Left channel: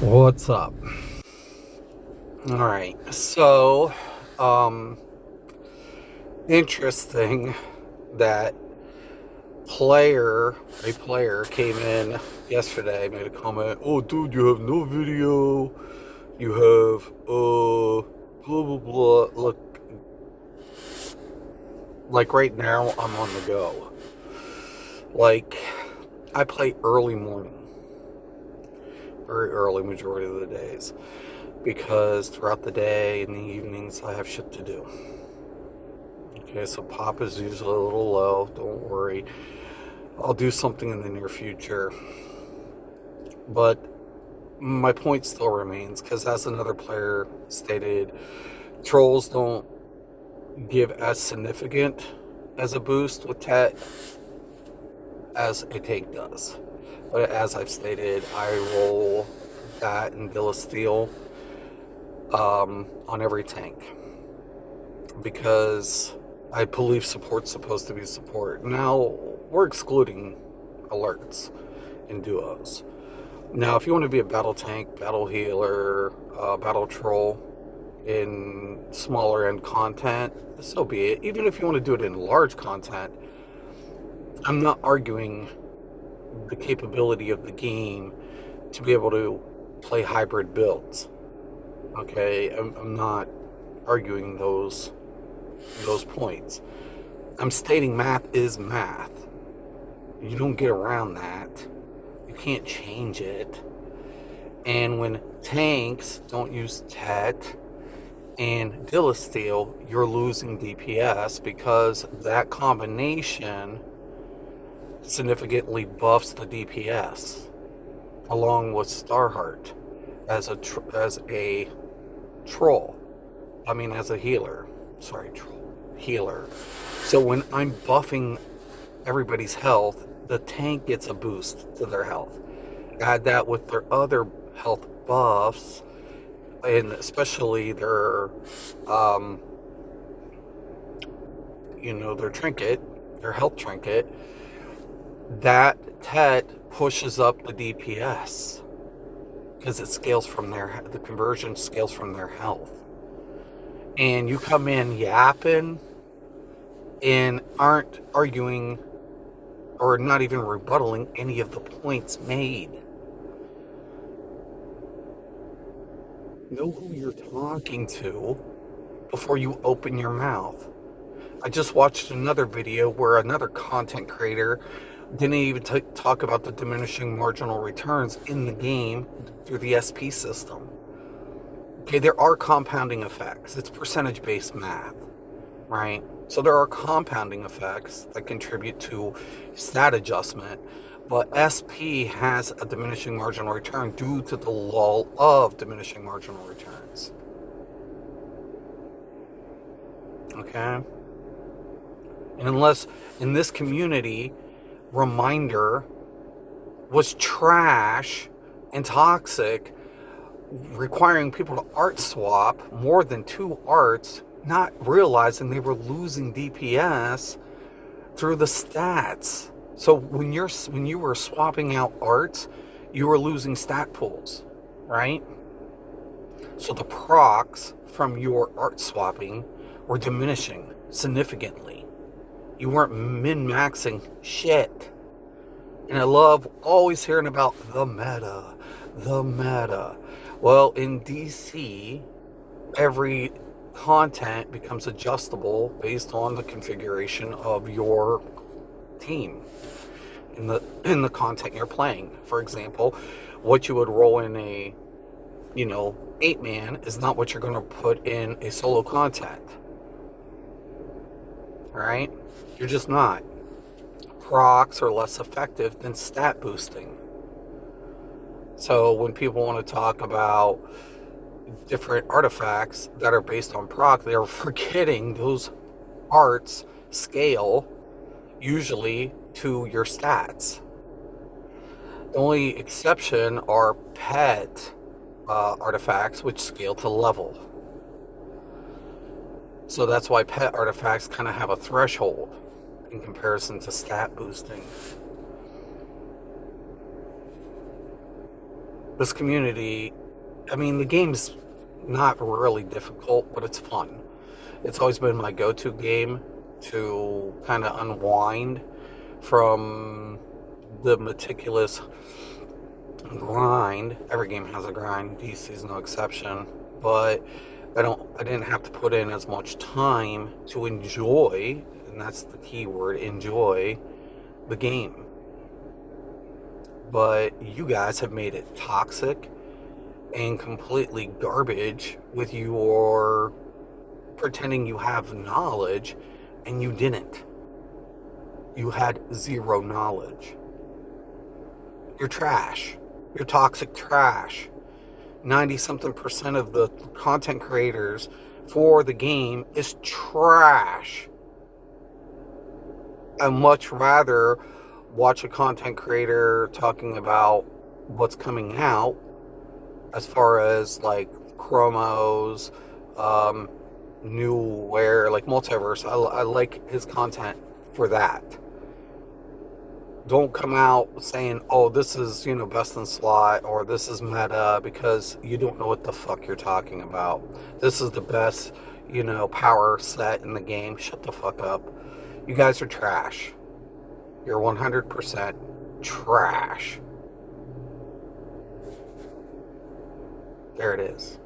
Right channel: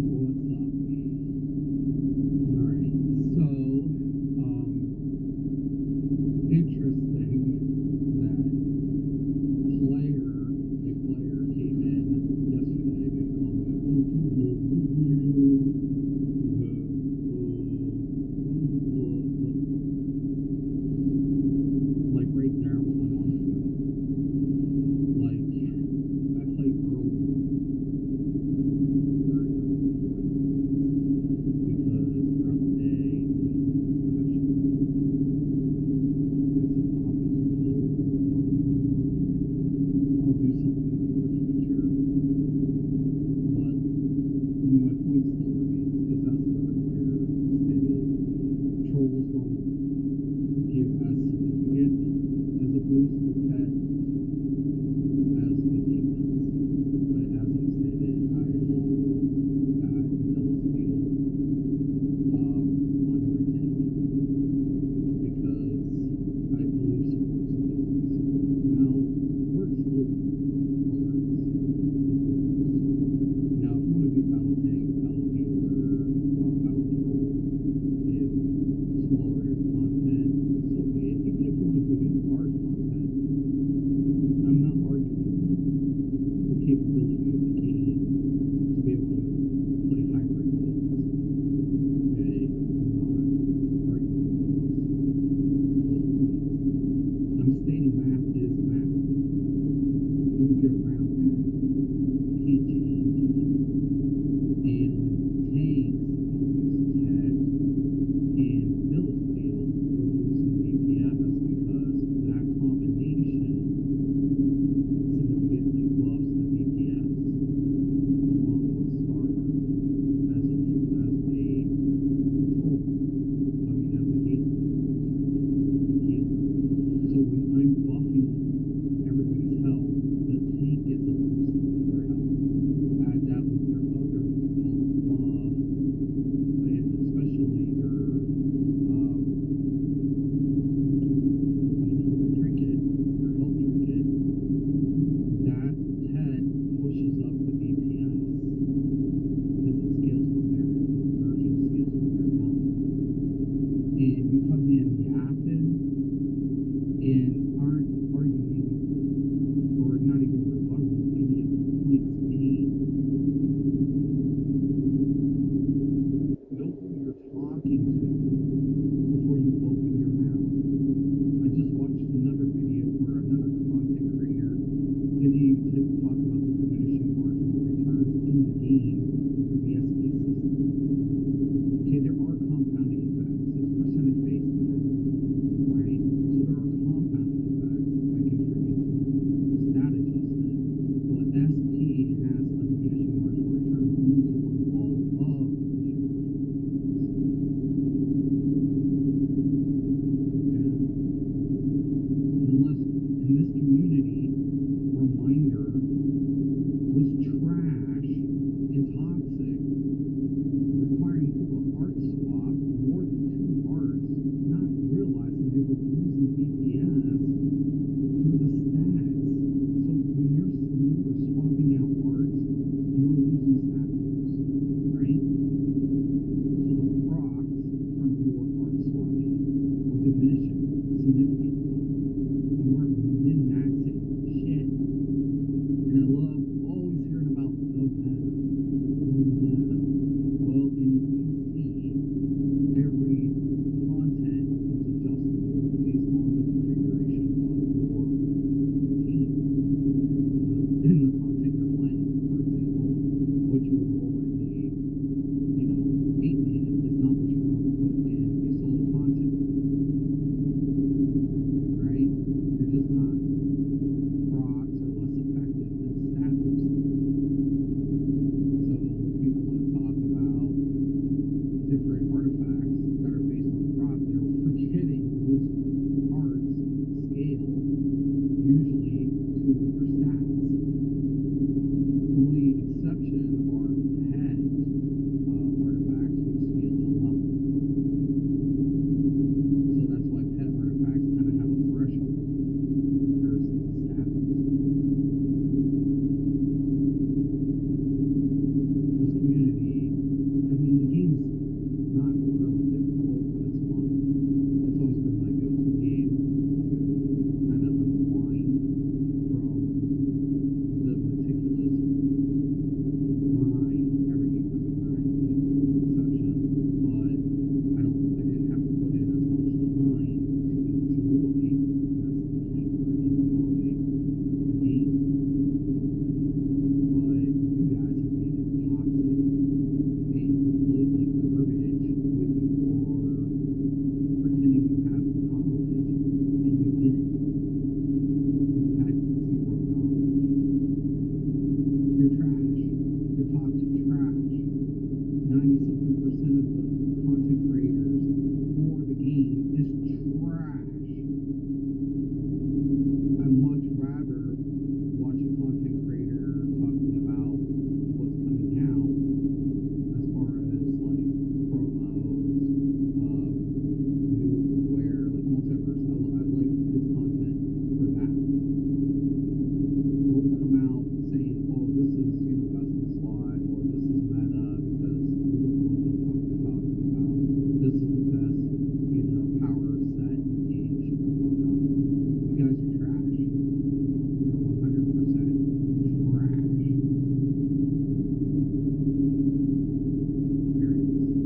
What's up? All right. So, interesting that a player came in yesterday, made a comment. Oh, dude, you have no video. You have, blah, blah, blah. Look, like right now, I'm on the go. Like, I play early morning, very early majority of the days, because throughout the day and the evenings I have shit to do. Okay, so pop is usually a little low. Don't worry, I'll do something in the near future. But my point still remains, because as another player stated, trolls don't give as significant as a boost with Tet as a tank does. But as I've stated, I roll that and Bill of Steel on every tank, because I believe support's supposed to be support. Now, we're excluding alerts in duos. Now, if you want to be a battle tank, battle healer, battle troll in smaller end content, so be it. Even if you want to do it in large content, I'm not arguing the capability of the game to be able to play hybrid builds. Okay, I'm not arguing those points. I'm stating math is math. You don't get around that. You can't change it. And when tanks don't use Tet and Steel, you're losing DPS, because that combination significantly buffs the DPS, along with Starheart as a troll. As a healer. Sorry, troll. Healer. So when I'm buffing everybody's health, the tank gets a boost to their health. Add that with their other health buffs, and especially their their trinket, their health trinket, that Tet pushes up the DPS, because it scales from the conversion scales from their health. And you come in yapping and aren't arguing or not even rebuttaling any of the points made. Know who you're talking to before you open your mouth. I just watched another video where another content creator didn't even talk about the diminishing marginal returns in the game through the SP system. Okay, there are compounding effects. It's percentage-based math, right? So there are compounding effects that contribute to stat adjustment, but SP has a diminishing marginal return due to the law of diminishing marginal returns. Okay? And unless in this community, Reminder was trash and toxic, requiring people to art swap more than 2 arts, not realizing they were losing DPS through the stats. So when you were swapping out arts, you were losing stat pools, right? So the procs from your art swapping were diminishing significantly. You weren't min-maxing shit. And I love always hearing about the meta. Well, in DC, every content becomes adjustable based on the configuration of your team in the content you're playing. For example, what you would roll in a 8-man is not what you're going to put in a solo content. Right? You're just not. Procs are less effective than stat boosting. So when people want to talk about different artifacts that are based on proc, they're forgetting those arts scale usually to your stats. The only exception are pet artifacts, which scale to level. So that's why pet artifacts kind of have a threshold in comparison to stat boosting. this community, I mean, the game's not really difficult, but it's fun. It's always been my go-to game to kind of unwind from the meticulous grind. Every game has a grind. DC's no exception, but I didn't have to put in as much time to enjoy, and that's the key word, enjoy the game. But you guys have made it toxic and completely garbage with your pretending you have knowledge, and you didn't. You had zero knowledge. You're trash. You're toxic trash. 90-something% of the content creators for the game is trash. I'd much rather watch a content creator talking about what's coming out as far as like chromos, new wear, like multiverse. I like his content for that. Don't come out saying, oh, this is, best in slot, or this is meta, because you don't know what the fuck you're talking about. This is the best, power set in the game. Shut the fuck up. You guys are trash. You're 100% trash. There it is.